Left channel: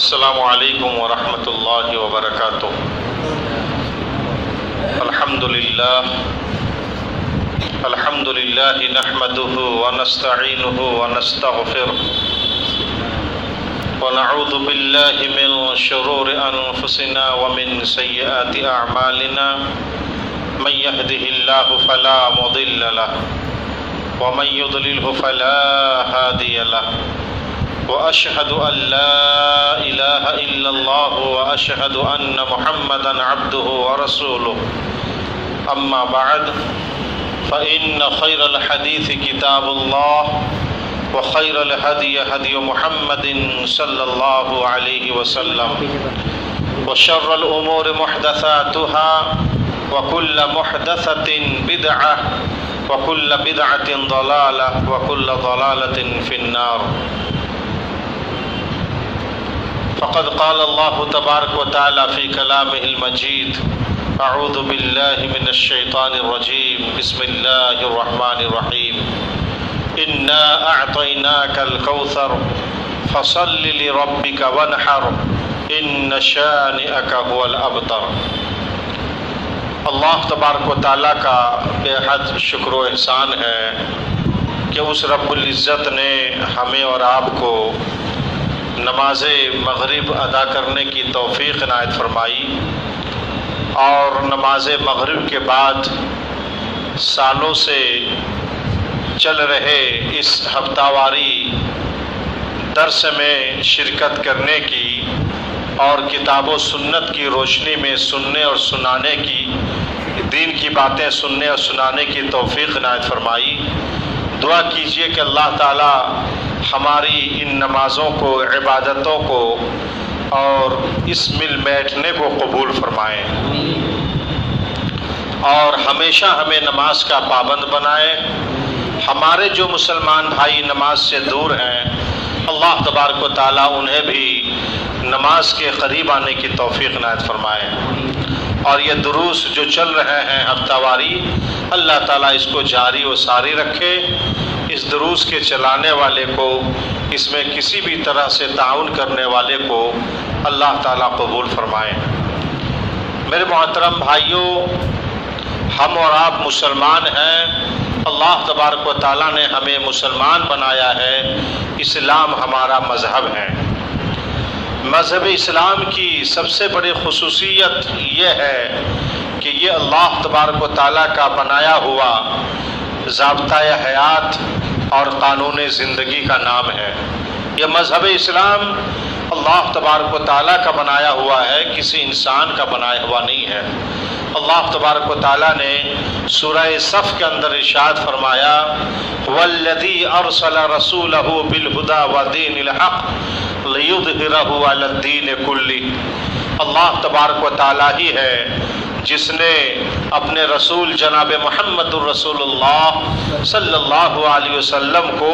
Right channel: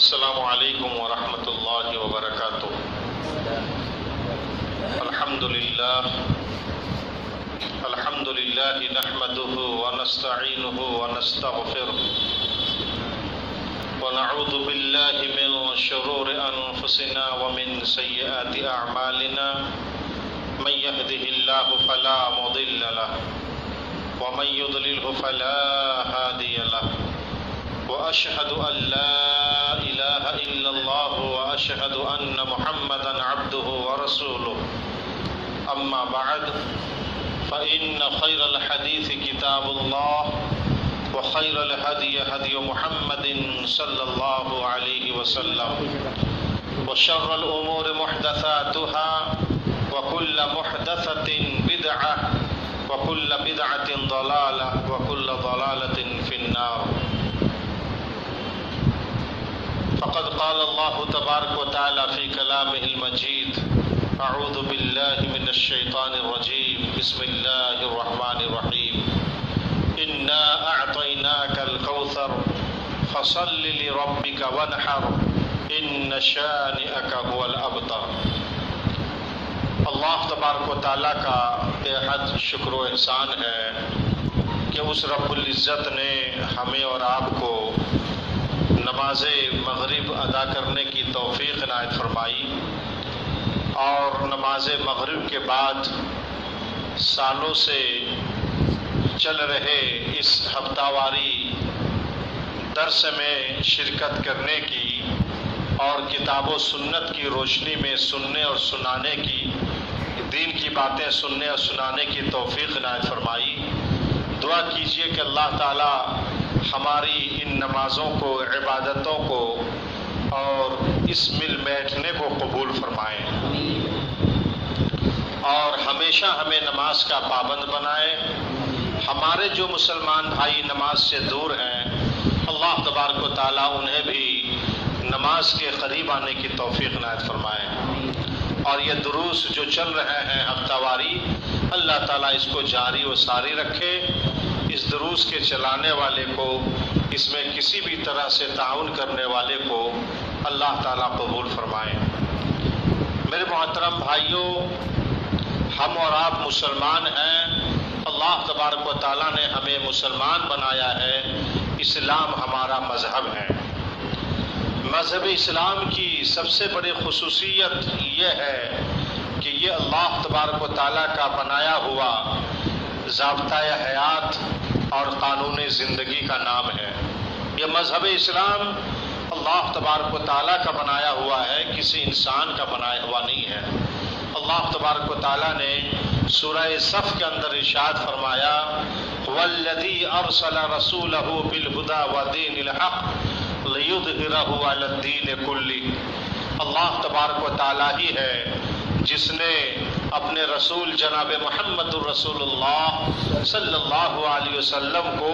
السلام علیکم ورحمۃ اللہ وبرکاتہ۔ الحمد للہ نحمده ونستعینه ونستغفره ونعوذ باللہ من شرور انفسنا ومن سیئات اعمالنا من يهده الله فلا مضل له ومن يضلله فلا هادي له وأشهد أن لا إله إلا الله وأشهد أن محمدا عبده ورسوله أما بعد فإن خير الحديث كتاب الله وخير الهدي هدي محمد صلى الله عليه وسلم وشر الأمور محدثاتها وكل محدثة بدعة وكل بدعة ضلالة وكل ضلالة في النار۔ فقد قال الله تبارك وتعالى في كلامه المجيد أعوذ بالله من الشيطان الرجيم بسم الله الرحمن الرحيم إنا أعطيناك الكوثر فصل لربك وانحر إن شانئك هو الأبتر۔ اللہ تبارک و تعالیٰ کا بے حد شکر و احسان ہے کہ اس رب العزت نے ہمیں اور آپ کو نماز مغرب ادا کرنے کی توفیق عنایت فرمائی، اور نماز مغرب کے بعد سالوں سے چل رہے اس ہفتہ واری درس میں شرکت کرنے کی اور کتاب و سنت کی روشنی میں سننے اور سنانے کی، دین کی باتیں سننے اور سنانے کی توفیق عنایت فرمائی۔ دعا کیجئے کہ اللہ تعالی ہماری ان نمازوں کو، عبادتوں کو اور اس مل بیٹھنے کو قبول فرمائے اور ہمیشہ ہمیں نماز کا پابند بنائے۔ ہمارے جو مسلمان بھائی نماز سے دور ہیں، اللہ تبارک و تعالیٰ انہیں بھی نماز کے قریب آنے کی توفیق عنایت فرمائے، اور یہ دروس جو چل رہے ہیں ہفتہ واری، اللہ تعالیٰ اس کو جاری و ساری رکھے۔ اس دروس کے چلانے والے کو، اس میں کسی بھی طرح سے تعاون کرنے والے کو اللہ تعالیٰ قبول فرمائے۔ میرے محترم بھائیوں، ہم اور آپ مسلمان ہیں، اللہ تبارک و تعالیٰ نے ہمیں مسلمان بنایا ہے، اسلام ہمارا مذہب ہے۔ مذہب اسلام کی سب سے بڑی خصوصیت یہ ہے کہ یہ اللہ تبارک و تعالیٰ کا بنایا ہوا ضابطۂ حیات اور قانون زندگی کا نام ہے۔ یہ مذہب اسلام اللہ تبارک و تعالیٰ کا بنایا ہوا ہے، کسی انسان کا بنایا ہوا نہیں ہے۔ اللہ تبارک و تعالیٰ نے سورہ صف کے اندر ارشاد فرمایا وَالَّذِي أَرْسَلَ رَسُولَهُ بِالْهُدَى وَدِينِ الْحَقِّ لِيُظْهِرَهُ عَلَى الدِّينِ كُلِّهِ۔ اللہ تبارک و تعالیٰ ہی ہے جس نے اپنے رسول جناب محمد الرسول اللہ صلی اللہ علیہ وسلم کو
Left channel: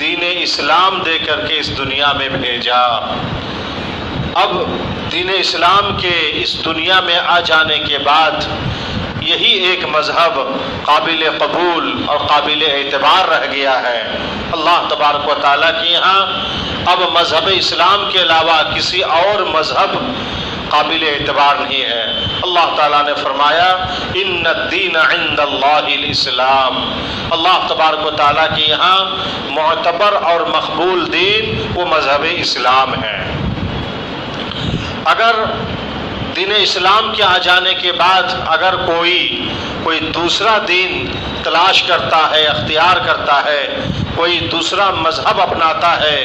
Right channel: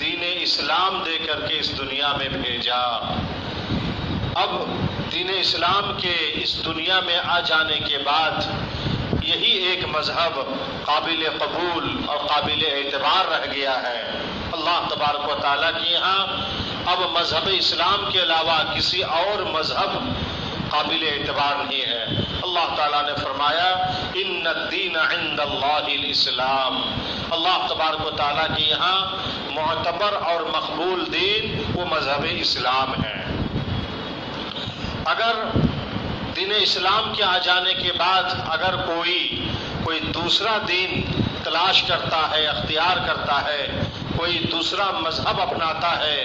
دین اسلام دے کر کے اس دنیا میں بھیجا۔ اب دین اسلام کے اس دنیا میں آ جانے کے بعد یہی ایک مذہب قابل قبول اور قابل اعتبار رہ گیا ہے۔ اللہ تبارک و تعالیٰ کے یہاں اب مذہب اسلام کے علاوہ کسی اور مذہب قابل اعتبار نہیں ہے۔ اللہ تعالیٰ نے فرمایا ان الدین عند اللہ الاسلام۔ اللہ تبارک و تعالیٰ کے یہاں معتبر اور مقبول دین وہ مذہب اسلام ہے۔ اگر دین اسلام کے آ جانے کے بعد اگر کوئی دوسرا دین تلاش کرتا ہے، اختیار کرتا ہے، کوئی دوسرا مذہب اپناتا ہے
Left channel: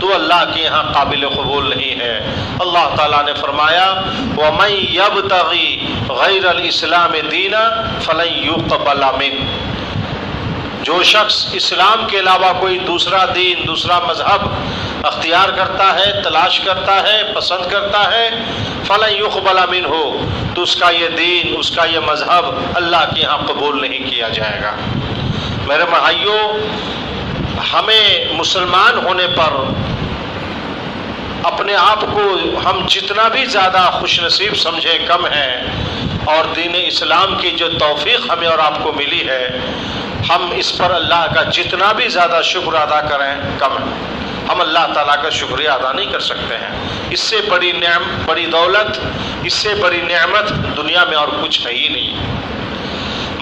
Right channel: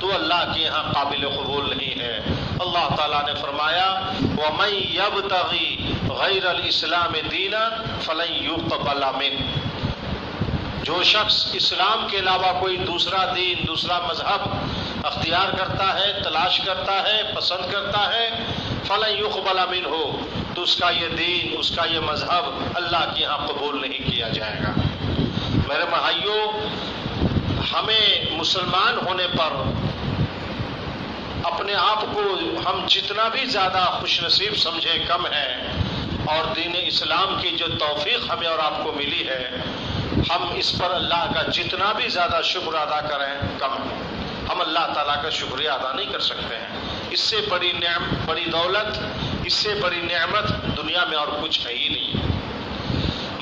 تو اللہ کے یہاں قابل قبول نہیں ہے۔ اللہ تعالیٰ نے فرمایا وَمَن يَبْتَغِي غَيْرَ الْإِسْلَامِ دِينًا فَلَن يُقْبَلَ مِنْهُ۔ جو شخص اسلام کے علاوہ کوئی دوسرا دین، دوسرا مذہب اختیار کرتا ہے، تلاش کرتا ہے، پسند کرتا ہے، فَلَن يُقْبَلَ مِنْهُ، تو اس کا یہ دین، اس کا یہ مذہب اللہ کے یہاں قبول نہیں کیا جائے گا۔ میرے بھائیوں، ہمیں مسلمان ہونے پر اپنے آپ کو ہم جتنا بھی زیادہ خوش نصیب سمجھیں کم ہے، اور دین اسلام کی جو توفیق ہمیں اور آپ کو ملی ہے، ہم اس پر اللہ کا جتنا بھی زیادہ شکر ادا کریں کم ہے۔ ہم اللہ تعالیٰ کا شکریہ ادا نہیں کر سکتے ہیں۔ اس سے بڑی دولت، اس سے بڑی نعمت دنیا میں اور کچھ ہے ہی نہیں۔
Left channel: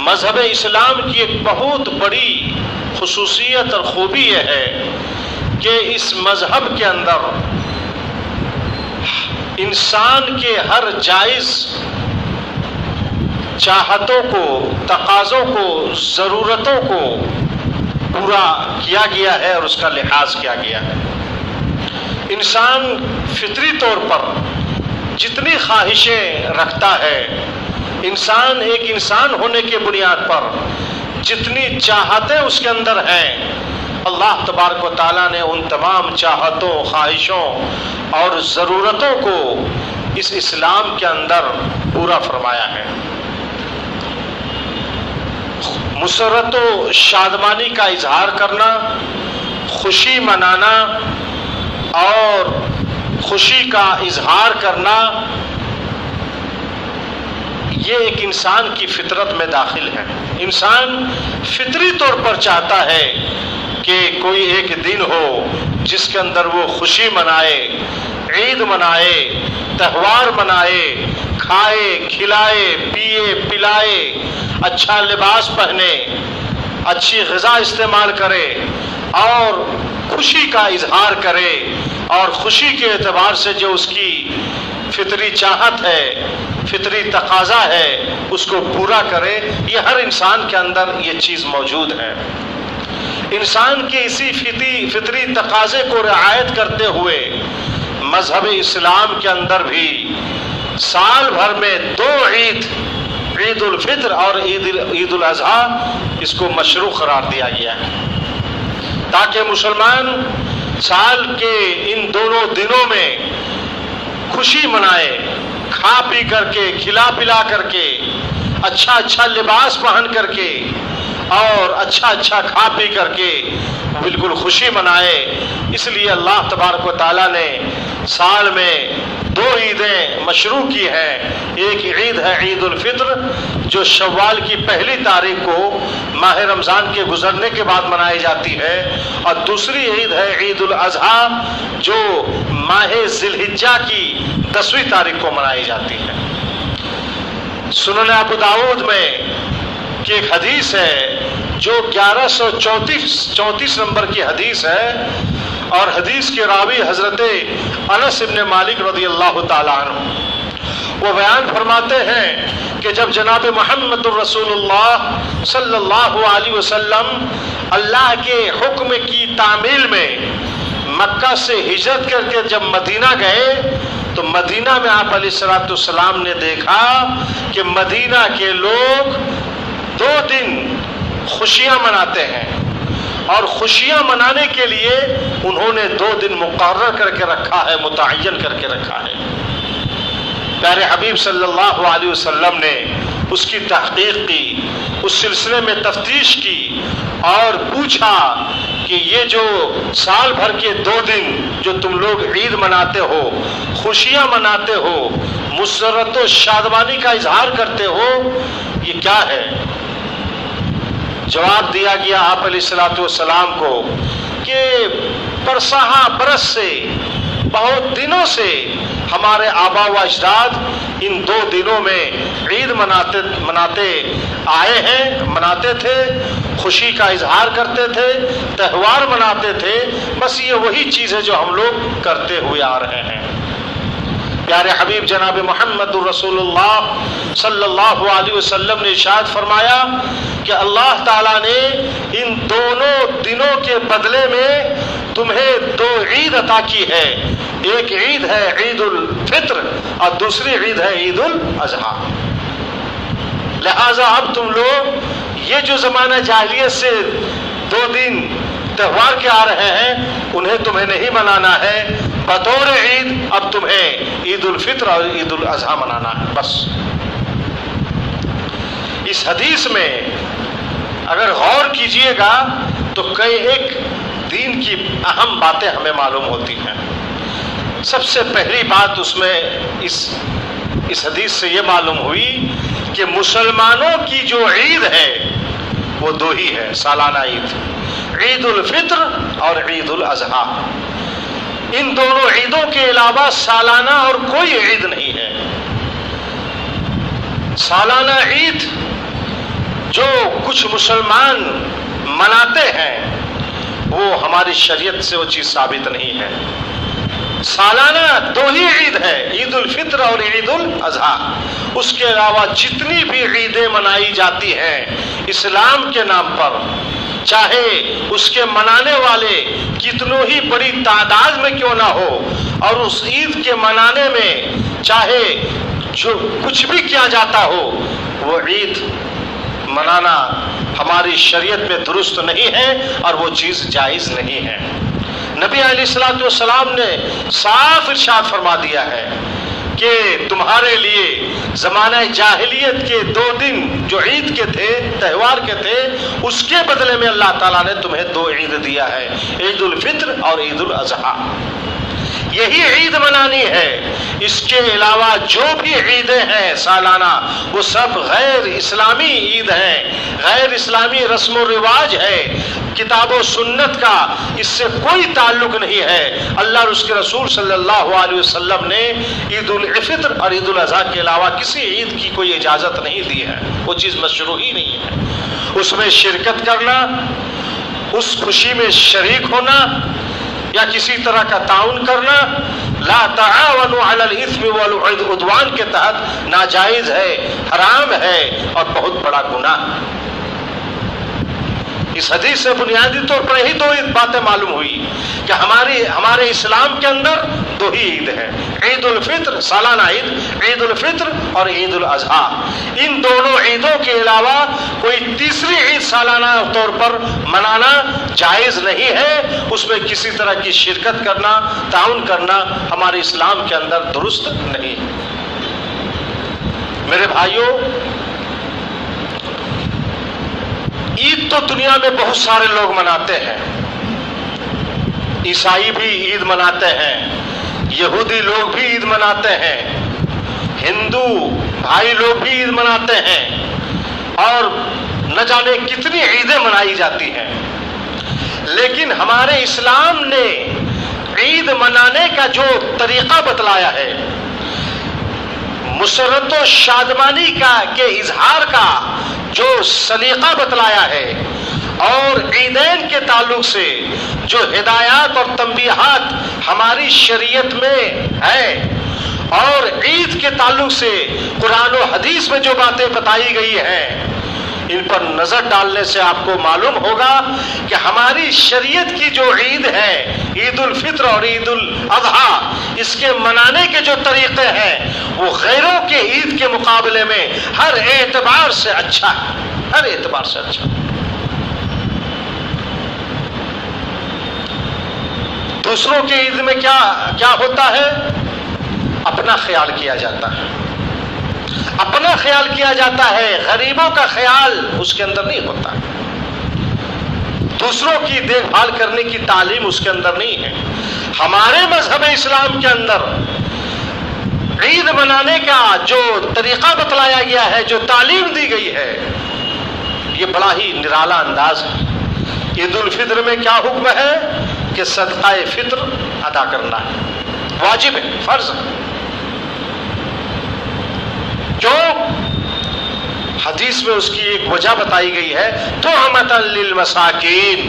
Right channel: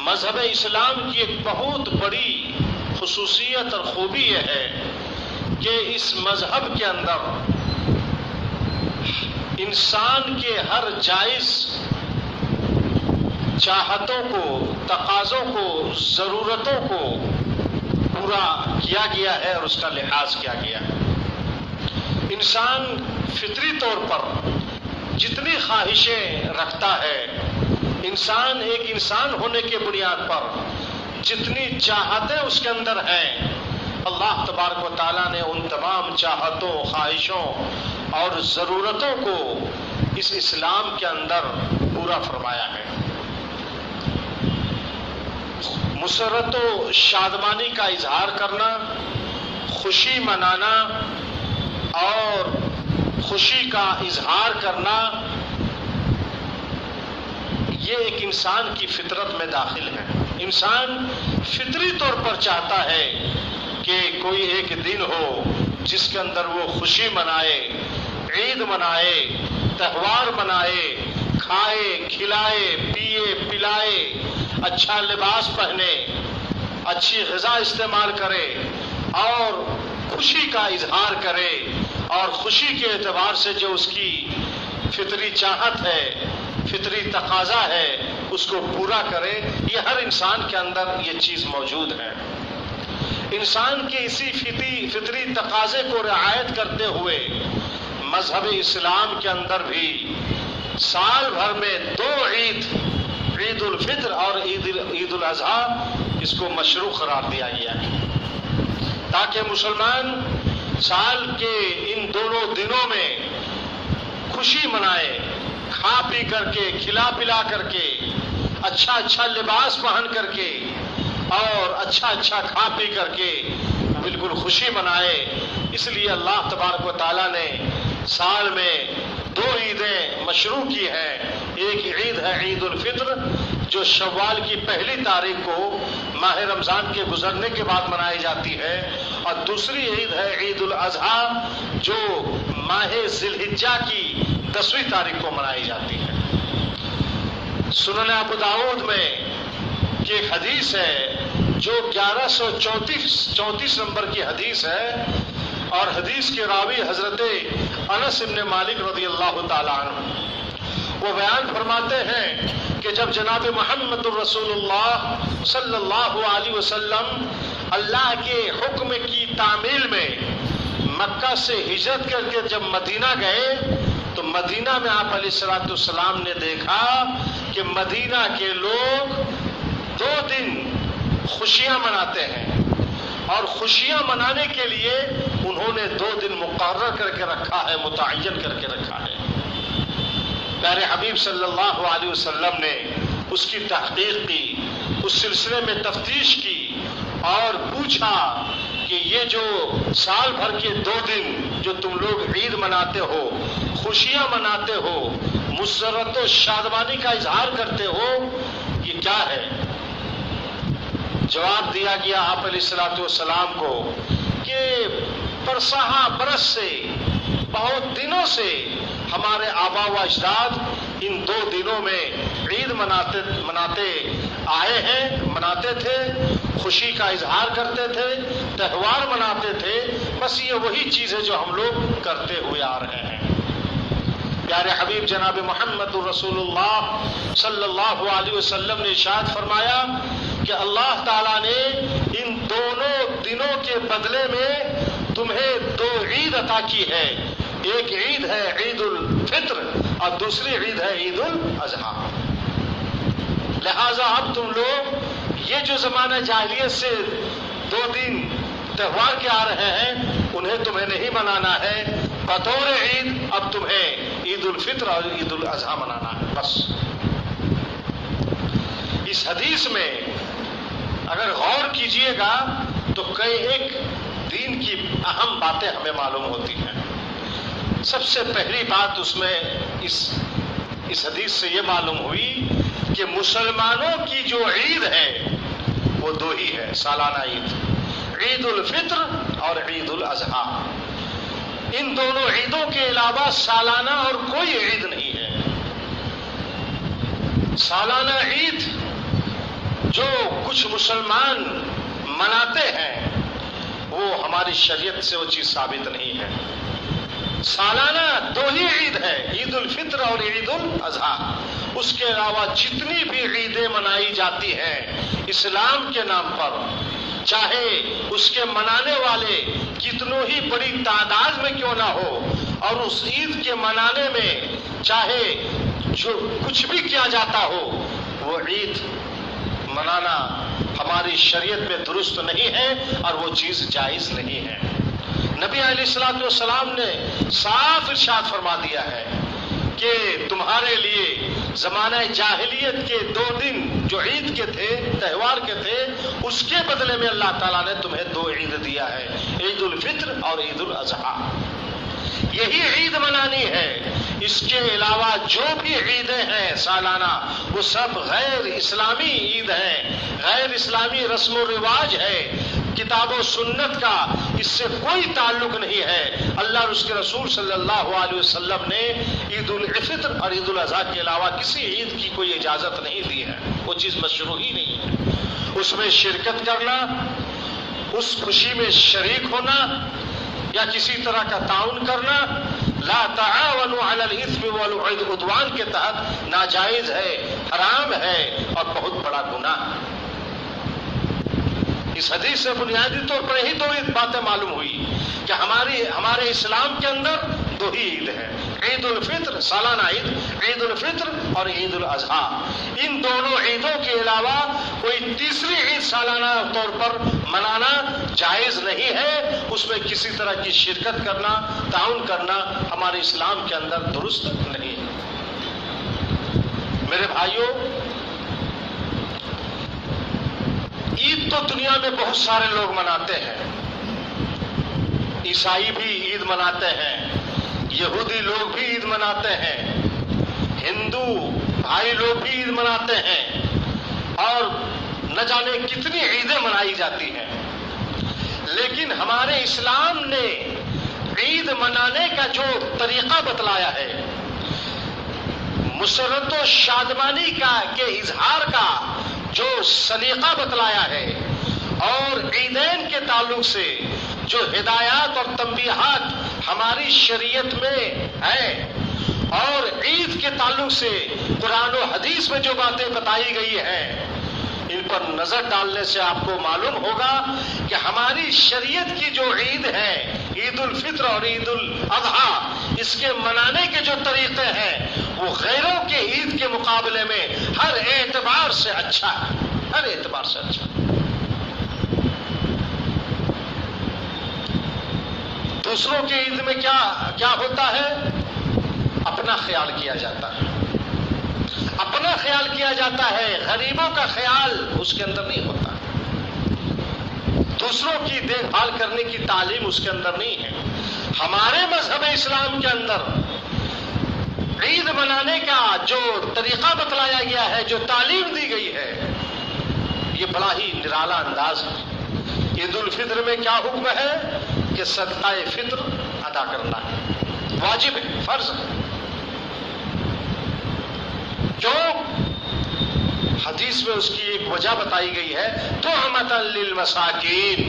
مذہب اسلام کی ایک بہت بڑی خصوصیت اور خوبی یہ ہے کہ اس مذہب کے اندر انسان کے ہر جائز چاہتوں کو، تقاضوں کو، ضرورتوں کو پورا کیا گیا ہے اور اس کا لحاظ کیا گیا ہے۔ انسان فطری طور پر جتنی خواہشیں رکھتا ہے، انسان ایک انسان ہونے کے بنیاد پر جتنی چاہتیں اس کے اندر ہیں، اللہ تبارک و تعالیٰ نے ان تمام چاہتوں، خواہشوں اور ضرورتوں کو اس اسلام کے اندر پورا فرمایا ہے۔ مسرت و شادمانی کا اظہار کرنا، خوشی منانا اور خوشی کا اظہار کرنا، یہ ایک انسان کی فطرت میں داخل ہے۔ انسان فطری طور پر چاہتا ہے کہ کوئی ایک دن ہو جس کے اندر وہ خوشی منائے، عید منائے، تہوار منائے، کھائے، کھلائے، پیے، پلائے، اچھا لباس پہنے، اچھی غذا استعمال کرے اور خوشی کا اظہار کرے، اور خوشی کے اعتبار سے جو اس کی فطری چاہت ہے، فطری تقاضا ہے، اس کو پورا کرے۔ یہ ہر انسان کے اندر یہ چیز موجود ہے۔ انسان کے اسی فطری تقاضے کو رعایت کرتے ہوئے مذہب اسلام کے اندر بھی سال بھر میں 2 عید، عید الفطر اور عید الاضحیٰ، اس کو مشروع قرار دیا گیا ہے تاکہ مسلمان سال کے ان دونوں دنوں میں خوشی منائے، کھا پی کر کے، کھلا پلا کر کے، اچھا لباس پہن کر کے اور اچھا کھا پی کر کے بالکل خوشی منائے۔ اس لیے اللہ تبارک و تعالیٰ نے سال میں 2 عیدیں مشروع کی ہیں۔ ایک عید ہے عید الفطر جو شوال کی 1 تاریخ کو ماہ رمضان کے گزرنے کے بعد منائی جاتی ہے، اور دوسری عید ہے عید الاضحیٰ جو ماہ ذی الحجہ کی 10ویں تاریخ کو منائی جاتی ہے۔ سنن ابو داؤد میں کی ایک حدیث ہے جو 1134 نمبر کی حدیث ہے، اور حدیث کے راوی حضرت انس بن مالک رضی اللہ تعالیٰ عنہ، وہ بیان فرماتے ہیں کہ جب جناب محمد الرسول اللہ صلی اللہ علیہ وسلم اللہ کے حکم کی تعمیل میں مکہ سے ہجرت کر کے جب مدینہ گئے تو مدینہ میں آپ علیہ الصلوۃ والسلام نے دیکھا کہ مدینہ کے لوگ 2 دن خوشیاں مناتے ہیں، اور خوشیاں منانے کے لیے انہوں نے 2 دن مقرر کر کے رکھا ہے، متعین کر کے رکھا ہے۔ پیارے حبیب صلی اللہ علیہ وسلم نے اس کی تحقیق کی، اس سلسلے میں تفتیش کی اور پوچھا کہ یہ جو سال بھر کے 2 دن جو تم لوگ عید مناتے ہو، خوشیاں مناتے ہو، مسرت و شادمانی کا اظہار کرتے ہو، یہ کیا ہے؟ جواب دیا گیا آپ علیہ الصلوۃ والسلام کو کہ برس سے، بہت دنوں سے ہمارے آبا و اجداد ان 2 دنوں میں عید مناتے آئے ہیں، مناتے تھے، خوشی کا اظہار کرتے تھے، تہوار مناتے تھے، بس یہ وہی چیز ہے جو ہم لوگ کرتے ہوئے آ رہے ہیں۔ پیارے حبیب جناب محمد الرسول اللہ صلی اللہ علیہ وسلم نے ارشاد فرمایا کہ اللہ تعالیٰ نے ان دونوں دنوں کے بدلے میں تمہیں 2 عید عطا کی ہے۔ ایک عید ہے عید الفطر اور دوسری عید ہے عید الاضحیٰ۔ لہذا اب تم لوگ یہ جو زمانہ جاہلیت سے 2 دن تہوار کے آ رہے ہیں انہیں تمہیں نہیں منانا ہے، بطور عید اب تمہیں عید الفطر اور عید الاضحیٰ منانا ہے بس۔ اس حدیث میں اگر غور کیجئے گا تو ایک دین کی اہم باتیں ہمیں معلوم ہوتی ہیں۔ سب سے پہلی بات اس میں اس حدیث سے یہ معلوم ہوئی کہ مسلمانوں کی جو عید ہے وہ 2 ہی ہے، سالانہ عید، عید الفطر اور عید الاضحیٰ۔ ان دونوں عیدوں کے علاوہ سالانہ اور کوئی عید نہیں ہے۔ سالانہ عید جو کچھ مسلمان مناتے ہیں وہ ہماری شریعت سے وہ چیز ثابت نہیں ہے۔ سالانہ دو ہی عید ہے، عید الفطر اور عید الاضحیٰ۔ اس کے علاوہ جتنی بھی عیدیں منائی جاتی ہیں اسلام کے نام پر، چاہے اس کے منانے والے کتنوں ہی بڑی تعداد میں کیوں نہ ہو، اور اس عید کے منانے میں چاہے جو کچھ بھی کیا جاتا ہو، وہ عید منانا ہماری شریعت میں درست نہیں ہے اور وہ چیز جائز نہیں ہے۔ نبی علیہ الصلوۃ والسلام نے صاف ارشاد فرما دیا ہے کہ تمہارے لیے زمانہ جاہلیت کے 2 دن جو عید کے تھے، تہوار کے تھے، اس کے بدلے میں اللہ تعالیٰ نے تمہیں 2 عید دیا ہے، عید الفطر اور عید الاضحیٰ۔ یہی عید منانی ہے۔ اس کے علاوہ جو بھی عیدیں ہیں سالانہ، وہ سب غیر اسلامی عید ہیں، غیر اسلامی رسم و رواج ہے، کتاب و سنت کا اس سے کوئی تعلق نہیں ہے۔ اللہ اور اس کے رسول صلی اللہ علیہ وسلم نے عید الفطر اور عید الاضحیٰ کے علاوہ کسی عید کی کوئی اجازت نہیں دی ہے، وہ چیز مشروع ہی نہیں ہے۔ اس میں شرکت کرنا، اس خوشی میں شریک ہونا یا کسی طرح کا تعاون کرنا لا تعاونوا علی الاثم والعدوان کے تحت ناجائز ہے، حرام ہے اور بہت بڑا گناہ۔ اس حدیث سے بنیادی طور پر یہی 2 باتیں معلوم ہوئی کہ ہمارے اسلام کے اندر 2 ہی عید ہیں، عید الفطر سالانہ عید، عید الفطر اور عید الاضحیٰ۔ ان دونوں عیدوں کے علاوہ کوئی تیسری عید سالانہ طور پر منانا جائز نہیں ہے، اس میں کسی طرح کی شرکت کرنا، تعاون کرنا ہمارے اسلام کے اندر درست نہیں۔ میرے بھائیوں، عید تو دنیا میں بہت سارے لوگ مناتے ہیں، عیسائی بھی عید مناتے ہیں، یہودی لوگ بھی عید مناتے ہیں، ہندو بھائی لوگ بھی عید مناتے ہیں، اور نہ جانے کتنی عیدیں منائی جاتی ہیں۔ لیکن ہمارے اسلام نے عید منانے کا جو طریقہ بتلایا ہے، مسرت و شادمانی کے اظہار کا جو سلیقہ بتلایا ہے، اور عیدین کے تعلق سے جو ہدایات اور تنبیہات ہماری شریعت میں ہے، اور عید کے تعلق سے قرآن و حدیث میں جو باتیں بتائی گئی ہیں، ان پر نظر ڈالنے سے آپ کو معلوم ہوگا کہ ہماری شریعت کی جو عید ہے، عید الفطر اور عید الاضحیٰ، اس کے منانے کے جو طریقے ہیں وہ غیروں کے عید کے مقابلے میں ہر اعتبار سے اچھا ہے، ہر اعتبار سے اچھا۔ دوسروں کی عید میں کیا ہوتا ہے؟ اپنا خیال کیا جاتا ہے، اپنا خیال کیا جاتا ہے، غریبوں کا خیال اس کے اندر نہیں ہوتا، دوسروں کی دیکھ بھال کرنے کی تعلیم اس کے اندر نہیں ہے۔ ہمارے مذہب اسلام کے اندر عید منانے کا جو طریقہ بتلایا گیا ہے، جو تعلیم دی گئی ہے، یہ بڑا ہی نرالا انداز ہے۔ عید الفطر میں کیا حکم ہے کہ صدقہ فطر ادا کرنا ہے، واجب ہے، فرض ہے، جو حدیث میں اس کی ایک وجہ بتائی گئی ہے، طعمۃ للمساکین۔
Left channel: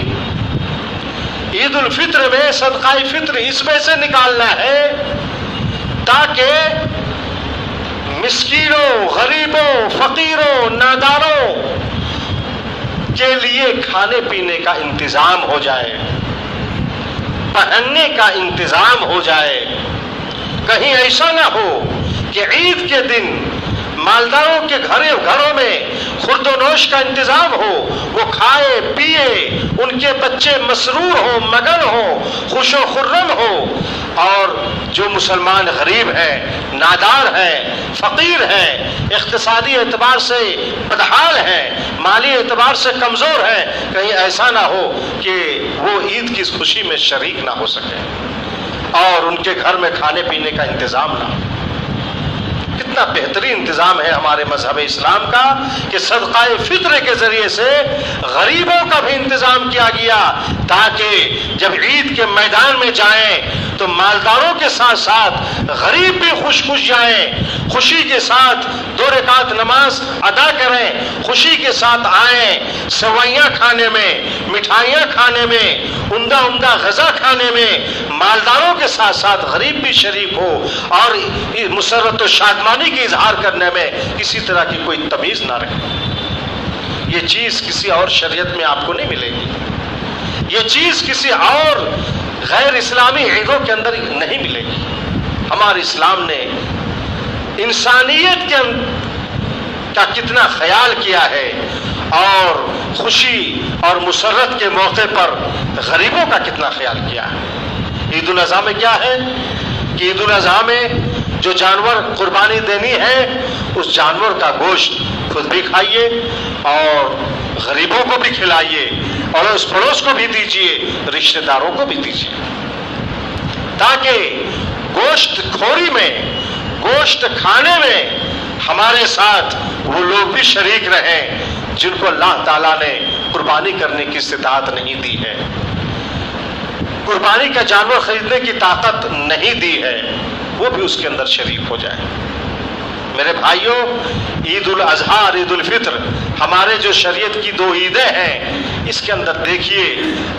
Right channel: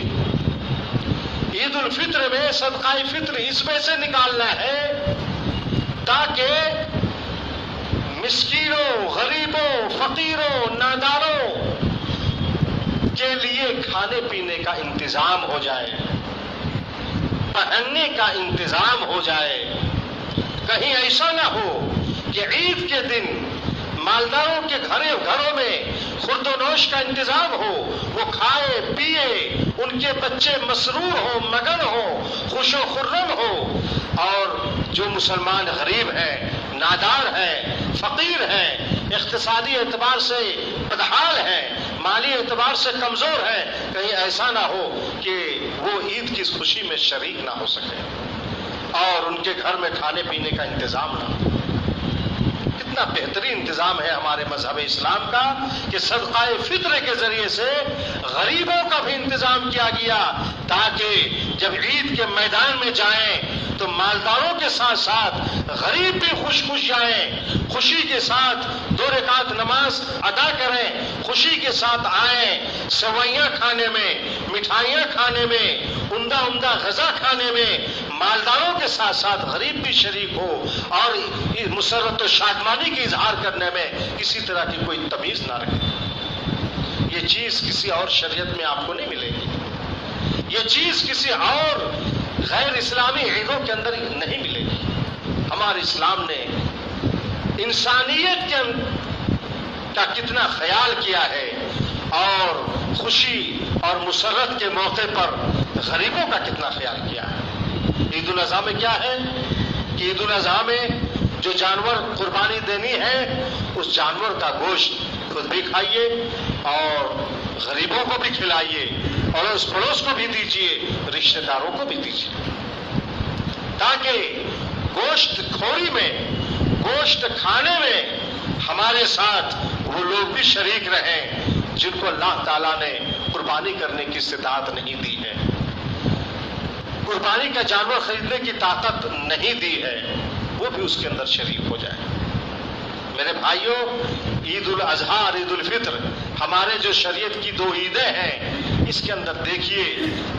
عید الفطر میں صدقہ فطر اس میں سے نکالنا ہے تاکہ مسکینوں، غریبوں، فقیروں، ناداروں کے لیے کھانے پینے کا انتظام ہو جائے، پہننے کا انتظام ہو جائے۔ کہیں ایسا نہ ہو کہ عید کے دن مالداروں کے گھروں میں خورد و نوش کا انتظام ہو، وہ کھائے پیے، ان کے بچے مسرور ہوں، مگن ہوں، خوش و خرم ہو، اور جو مسلمان غریب ہیں، نادار ہیں، فقیر ہیں، اقتصادی اعتبار سے بدحال ہیں، مالی اعتبار سے کمزور ہیں، کہیں ایسا نہ ہو کہ وہ عید کی خوشی میں شریک نہ ہو سکے اور ان کے گھر میں کھانے پینے کا انتظام نہ ہو۔ کتنا بہترین انتظام ہے ہمارے مذہب اسلام کا کہ صدقہ فطر کے ذریعے سے غریبوں کا بھی انتظام کیا گیا، تاکہ جب عید کے میدان میں جائیں تو مالداروں کے ساتھ ساتھ غریب بھی خوش جائیں، خوشی کے ساتھ 2 رکعت نماز ادا کریں، خوشی کے ساتھ آئیں، سوئیاں کھانے میں، مٹھائیاں کھانے میں، عمدہ غذا کھانے میں، مالداروں کے ساتھ ساتھ غریب بھی شریک ہو، اور مسرت و شادمانی کی اظہار کرنے میں کسی طرح کی کوئی تمیز نہ رکھے۔ یہ چیز کسی اور شریعت میں آپ کو نہیں ملے گی، یہ چیز کسی اور غیر اسلامی عیدوں کے اندر نہیں ملے گی۔ ہمارے اسلام نے انسانیت کا کتنا خیال کیا ہے، اور خوشی اور مسرت کے موقع پر غریبوں کا کتنا خیال کیا ہے۔ عید الاضحیٰ میں کیا ہے کہ عید الاضحیٰ میں جو جانور قربانی دینی ہے، اس جانور کا گوشت خود بھی کھائیے اور غریبوں کو بھی کھلائیے، اور اس پڑوس کو بھی دیجیے، رشتہ داروں کو بھی دیجیے، تاکہ گوشت خوری میں، گوشت کھانے میں ہمارے ساتھ وہ لوگ بھی شریک رہیں جن کو اللہ تعالیٰ نے قربانی کرنے کی استطاعت نہیں دی ہے، قربانی کا جانور خریدنے کی طاقت نہیں دی ہے، وہ بھی اس کے اندر شریک ہو جائے۔ میرے بھائیوں، عید الاضحیٰ اور عید الفطر ہمارے جو شریعت کی 2 عیدیں ہیں، اس کے اندر دیکھیے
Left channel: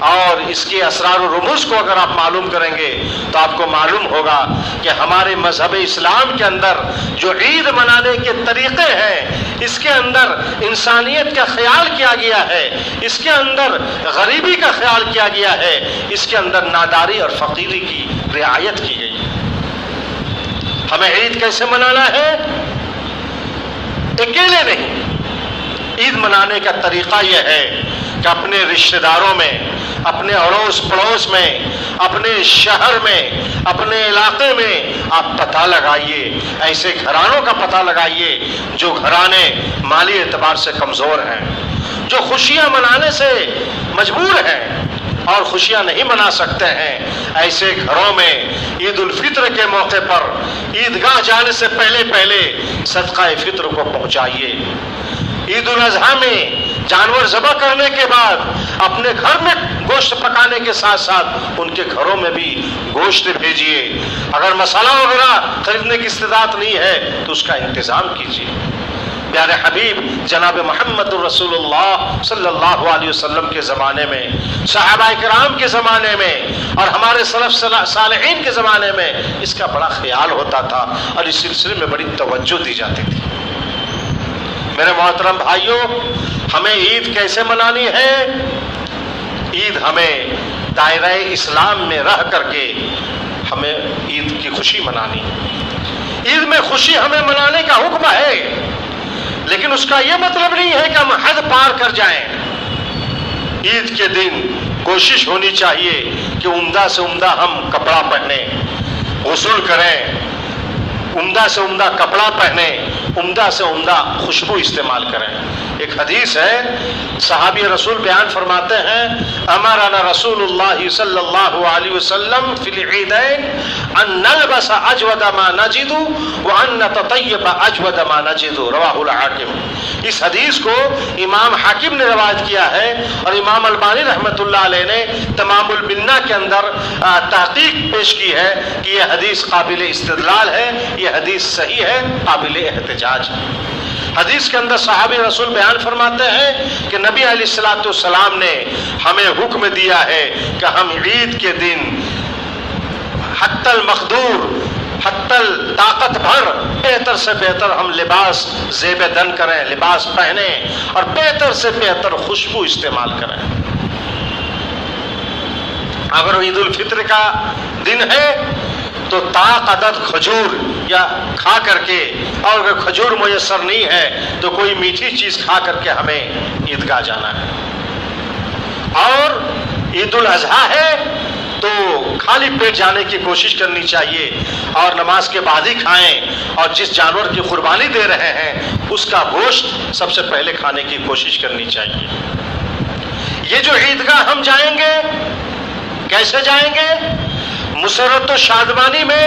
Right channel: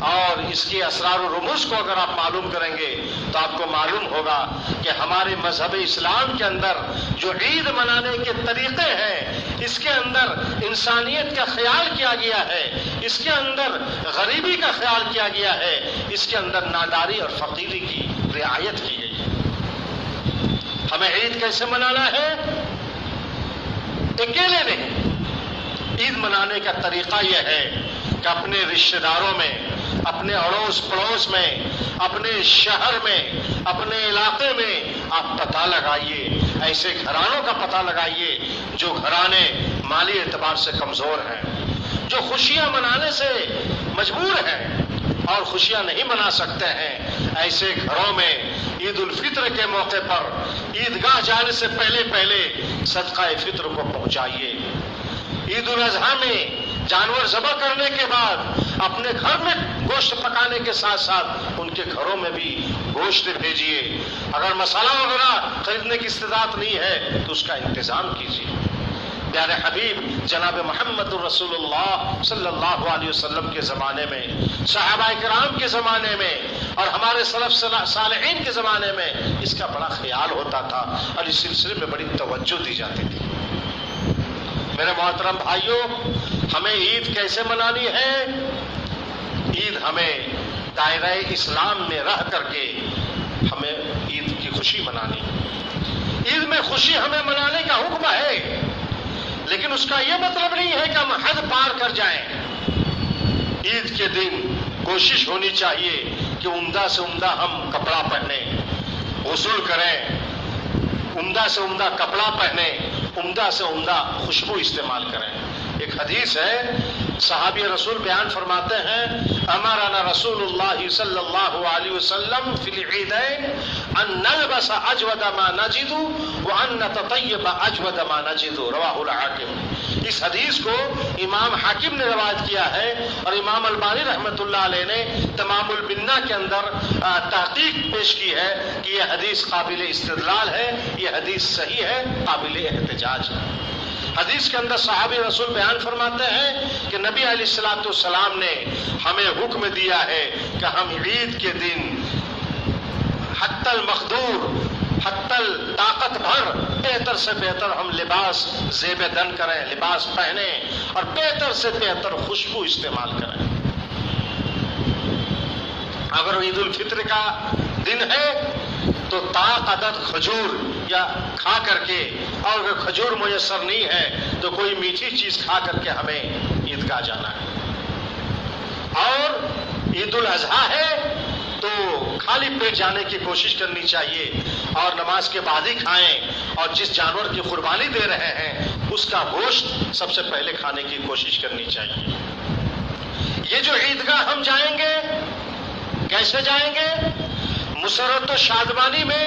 اور اس کے اسرار و رموز کو اگر آپ معلوم کریں گے تو آپ کو معلوم ہوگا کہ ہمارے مذہب اسلام کے اندر جو عید منانے کے طریقے ہیں، اس کے اندر انسانیت کا خیال کیا گیا ہے، اس کے اندر غریبی کا خیال کیا گیا ہے، اس کے اندر ناداری اور فقیری کی رعایت کی گئی ہے۔ ہمیں عید کیسے منانا ہے؟ اکیلے نہیں، عید منانے کا طریقہ یہ ہے کہ اپنے رشتہ داروں میں، اپنے اڑوس پڑوس میں، اپنے شہر میں، اپنے علاقے میں آپ پتہ لگائیے، ایسے گھرانوں کا پتہ لگائیے جو گھرانے مالی اعتبار سے کمزور ہیں، جو خوشیاں منانے سے مجبور ہیں اور خوشیاں نہیں منا سکتے ہیں۔ ایسے گھروں میں عید الفطر کے موقع پر عیدگاہ جانے سے پہلے صدقہ فطر کو پہنچائیے۔ عید الاضحیٰ میں جانور ذبح کرنے کے بعد اپنے گھر میں گوشت پکانے کے ساتھ ساتھ ان کے گھروں میں بھی گوشت بھیجیے۔ اگر مسالہ وغیرہ خریدنے کی استطاعت نہیں ہے تو اس کا انتظام کیجیے۔ پیارے حبیب جناب محمد رسول اللہ صلی اللہ علیہ وسلم کے زمانے میں، صحابہ کرام کے زمانے میں اور ہمارے سلف صالحین کے زمانے میں اس کا بڑا خیال ہوتا تھا اور اس سلسلے میں بڑی توجہ دی جاتی تھی۔ میرے محترم بھائیوں، ہمیں عید کیسے منانی ہے؟ عید ہمیں دائرہ اسلام میں رہ کر کے ہمیں عید کی خوشی منانی۔ عید میں خوشی ہمیں منانے کا حکم ہے، لیکن اس کا یہ مطلب نہیں ہے کہ ہم حد پار کر جائیں۔ عید کے دن کوشش ہونی چاہیے کہ عمدہ سے عمدہ ہم کپڑا پہنیں، غسل کریں، عمدہ سے عمدہ کپڑا پہنیں، عمدہ سے عمدہ خوشبو استعمال کریں۔ ایک حدیث ہے، صحابی رسول بیان فرماتے ہیں، امرنا رسول اللہ صلی اللہ علیہ وسلم فی العیدین ان نلبس اجود ما نجد وان نتطیب اجود ما نجد، رواہ الحاکم۔ اس حدیث کو امام حاکم نے روایت کیا ہے اور امام البانی رحمۃ اللہ علیہ نے تمام البنہ کے اندر تحقیق پیش کی ہے کہ یہ حدیث قابل استدلال ہے، یہ حدیث صحیح ہے، قابل احتجاج ہے۔ حدیث کے اندر صحابی رسول بیان فرماتے ہیں کہ نبی علیہ الصلوۃ والسلام نے ہمیں حکم دیا ہے کہ ہم عید کے دن حتی المقدور، حتی طاقت بھر بہتر سے بہتر ہم لباس زیب دن کریں، لباس پہنیں اور بہتر سے بہتر خوشبو استعمال کریں۔ اگر عید الفطر کا دن ہے تو طاق عدد کھجور یا کھا کر کے، اور اگر کھجور میسر نہیں ہے تو کوئی میٹھی چیز کھا کر کے ہمیں عیدگاہ جانا ہے۔ اور عید الاضحیٰ ہے تو خالی پیٹ جانے کی کوشش کرنی چاہیے اور نماز کے بعد ہی کھائیں، اور جس جانور کی قربانی دے رہے ہیں اس کا گوشت سب سے پہلے کھانے کی کوشش کرنی چاہیے۔ یہ جو عیدگاہ ہم جائیں گے، کیسے جائیں گے؟ مسرت و شادمانی میں،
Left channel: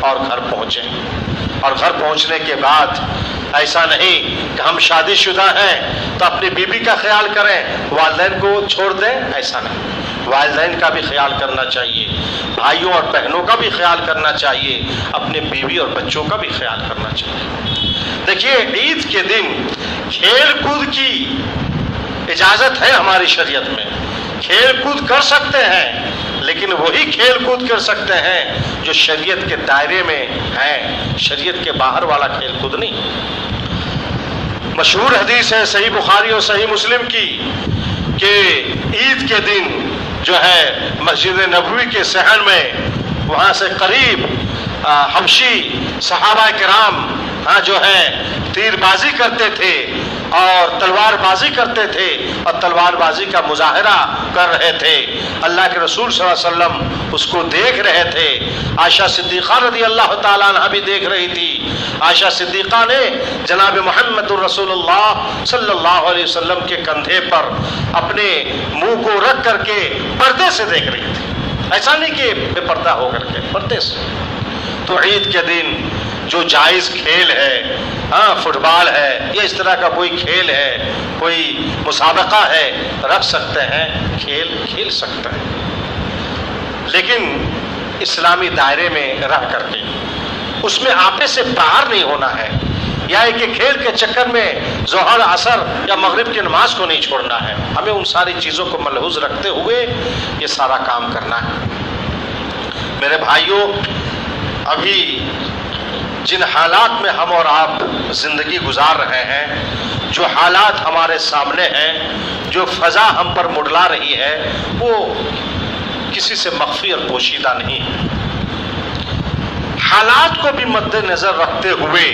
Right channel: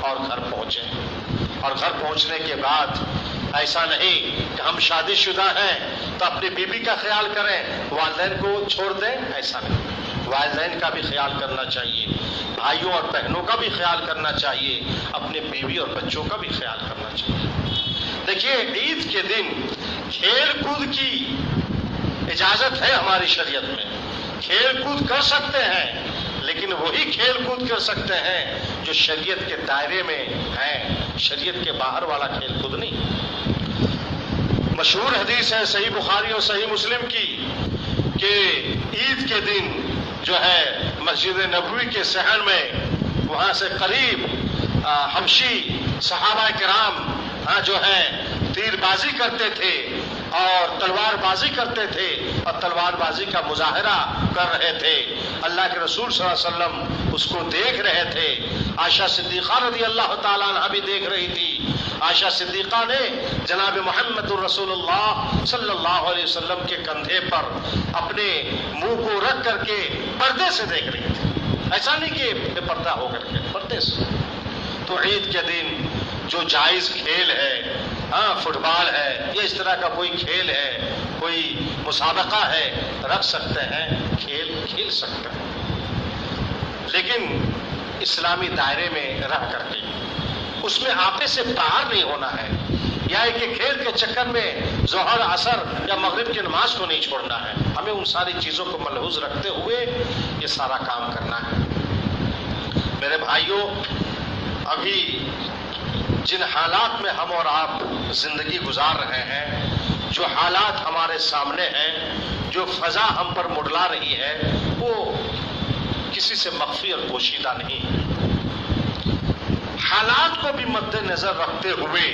اور گھر پہنچیں. اور گھر پہنچنے کے بعد ایسا نہیں کہ ہم شادی شدہ ہیں تو اپنی بیوی کا خیال کریں، والدین کو چھوڑ دیں، ایسا نہیں. والدین کا بھی خیال کرنا چاہیے، بھائیوں اور بہنوں کا بھی خیال کرنا چاہیے، اپنے بیوی اور بچوں کا بھی خیال کرنا چاہیے. دیکھیے عید کے دن کھیل کود کی اجازت ہے ہماری شریعت میں، کھیل کود کر سکتے ہیں، لیکن وہی کھیل کود کر سکتے ہیں جو شریعت کے دائرے میں ہیں، شریعت کے باہر والا کھیل کود نہیں. مشہور حدیث ہے صحیح بخاری اور صحیح مسلم کی کہ عید کے دن جو ہے مسجد نبوی کے صحن میں وہاں سے قریب حبشی صحابہ کرام جو ہے تیر بازی کرتے تھے اور تلوار بازی کرتے تھے اور تلوار بازی کا مظاہرہ کر رہے تھے. اللہ کے رسول صلی اللہ علیہ وسلم اس کو دیکھ رہے تھے. عائشہ صدیقہ رضی اللہ تعالیٰ عنہ بھی دیکھ رہی تھی. عائشہ صدیقہ نے جناب محمد الرسول اللہ صلی اللہ علیہ وسلم کے کندھے پر اپنے منہ کو رکھ کر کے پردے سے دیکھ رہی تھی، ایسا نہیں کہ بے پردہ ہو کر کے، پردے سے. تو عید کے دن جو جائز کھیل ہے، فٹ بال ہے یا اس طرح کا کوئی کھیل ہے، کوئی مسابقہ ہے، رکھ سکتے ہیں، کھیل سکتے ہیں، لیکن اسلامی دائرے میں رہ کر کے اس میں آپے سے باہر نہیں ہونا ہے، یا کہ کھیل کے چکر میں ظہر عصر یا مغرب کی نماز کو نہیں چھوڑنا ہے. ہمیں ان ساری چیزوں کو ملحوظ رکھتے ہوئے یہ سارا کام کرنا ہے. میرے بھائیوں، ابھی جن حالات میں ہم اور آپ زندگی گزار رہے ہیں، جو حالات ہمارے سامنے ہیں، جو فضا ہم پر منڈلا رہی ہے، وہ کسی سے مخفی اور پوشیدہ نہیں ہے. حالات کو بھی مد نظر رکھتے ہوئے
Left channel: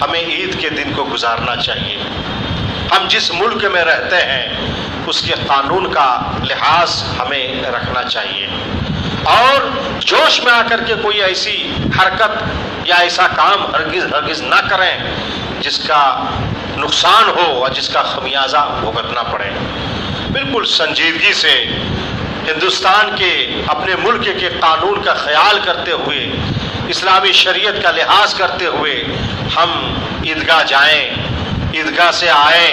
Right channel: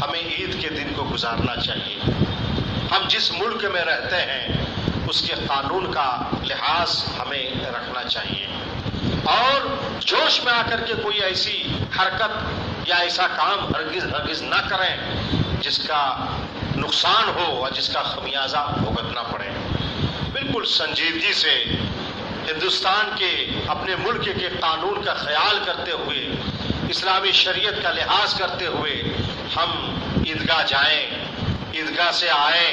ہمیں عید کے دن کو گزارنا چاہیے. ہم جس ملک میں رہتے ہیں اس کے قانون کا لحاظ ہمیں رکھنا چاہیے، اور جوش میں آ کر کے کوئی ایسی حرکت یا ایسا کام ہرگز نہ کریں جس کا نقصان ہو اور جس کا خمیازہ بھگتنا پڑے. بالکل سنجیدگی سے ہندوستان کے اپنے ملک کے قانون کا خیال کرتے ہوئے، اسلامی شریعت کا لحاظ کرتے ہوئے ہم عیدگاہ جائیں، عیدگاہ سے آئیں،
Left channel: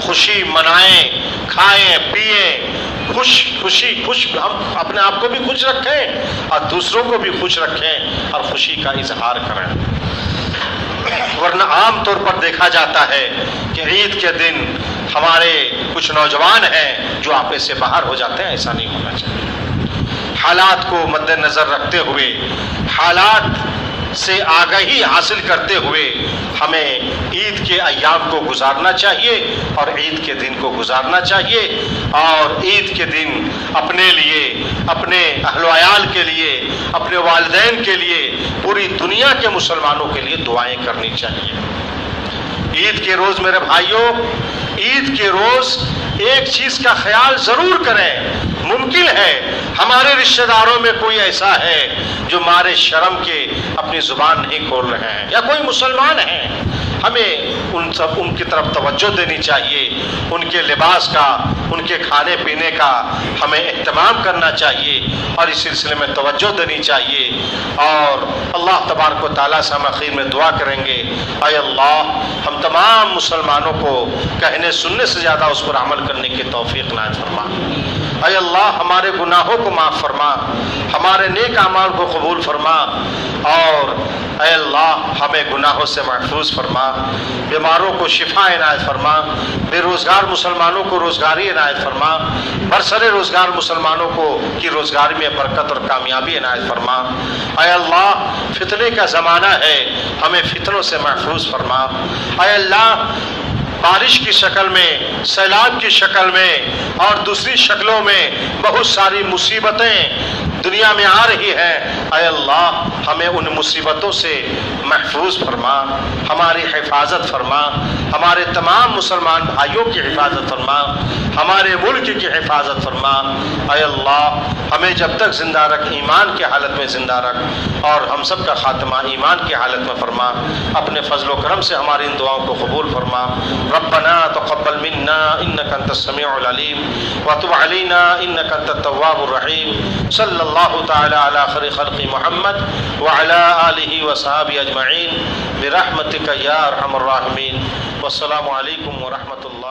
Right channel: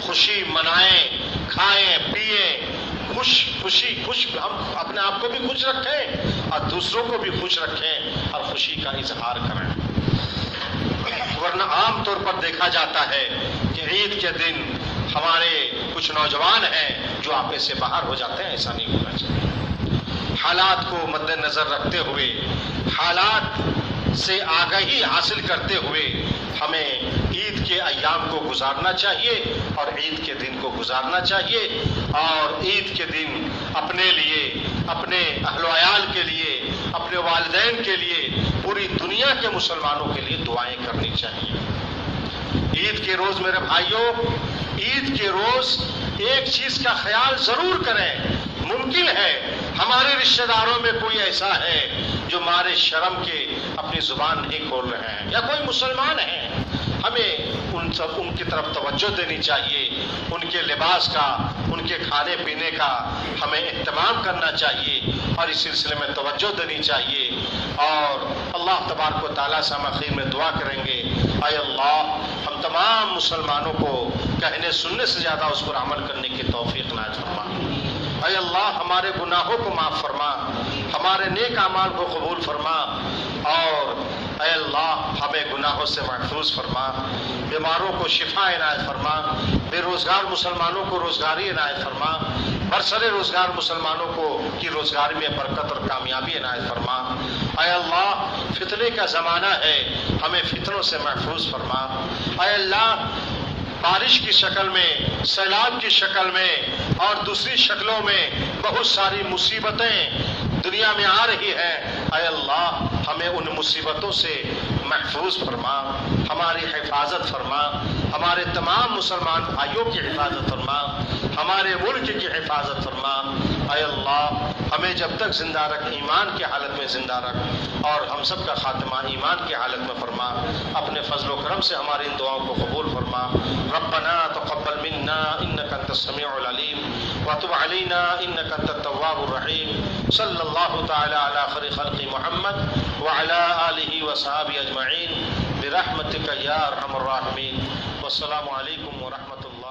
خوشی منائیں، کھائیں پیئیں، خوش ہم اپنے آپ کو بھی خوش رکھیں اور دوسروں کو بھی خوش رکھیں اور خوشی کا اظہار کریں. ورنہ عام طور پر دیکھا جاتا ہے کہ عید کے دن ہمارے کچھ نوجوان ہیں جو آپے سے باہر ہو جاتے ہیں. ایسا نہیں ہونا چاہیے. حالات کو مد نظر رکھتے ہوئے، حالات سے آگاہی حاصل کرتے ہوئے ہمیں عید کے ایام کو گزارنا چاہیے اور عید کے دن کو گزارنا چاہیے. اور عید کے دن اپنے لیے، اپنے اہل و عیال کے لیے، اپنے والدین کے لیے، پوری دنیا کے مسلمانوں کے لیے دعائیں کرنی چاہیے. عید کے روز میرے بھائیوں، عید کے روز ایک چیز کا خیال ضرور کریں. ممکن ہے ہمارے رشتہ داروں میں کوئی ایسا ہے جو مارے شرم کے اپنی زبان نہیں کھول رہے ہیں، یا کوئی مسلمان ہیں. ہمیں ان کی طرف توجہ دینی چاہیے. ان کے لباس کا، ان کے کھانے پینے کا ہمیں اہتمام کرنا چاہیے اور اس سلسلے میں توجہ دینی چاہیے. اور اللہ تبارک و تعالیٰ سے ہم آخر میں دعا کریں گے، اے اللہ ہم تمام مسلمانوں کو کہنے سننے سے زیادہ اس پر عمل کرنے کی توفیق عنایت فرما. اے اللہ ہمارے گناہوں کو معاف فرما، ہمارے نیک اعمال کو قبول فرما، اور اے اللہ ہمیں گناہوں سے محفوظ فرما. بیماروں کو شفا عنایت فرما، بے روزگار مسلمانوں کو روزگاری عنایت فرما، برسر روزگار مسلمانوں کو کی روزگاری میں برکت اور کامیابی عنایت فرما. اے اللہ فتنے کا زمانہ ہے، ہمیں فتنوں سے محفوظ فرما. اے اللہ بارش کی شکل میں، سیلاب کی شکل میں اور دوسری شکلوں میں بہت ساری مصیبتیں دنیا میں آ رہی ہیں. اے اللہ ہمیں ان مصیبتوں سے محفوظ فرما، ہماری حفاظت فرما، ہمارے تمام مسلمان بھائیوں کی حفاظت فرما، ہمارے ملک کی حفاظت فرما. اے اللہ ہمیں جب تک زندہ رکھ، ایمان کی حالت میں زندہ رکھ، اور ہم سب کا خاتمہ ایمان کی حالت میں فرما. اپنے فضل و کرم سے ہماری ان دعاؤں کو قبول فرما. ربنا تقبل منا انك انت السميع العليم وتب علينا انك انت التواب الرحيم. صلی اللہ اللہ تعالی علی خیر خلق محمد وعلی آلہ وصحابہ اجمعین برحمتک یا ارحم الراحمین۔ والسلام علیکم ورحمۃ اللہ۔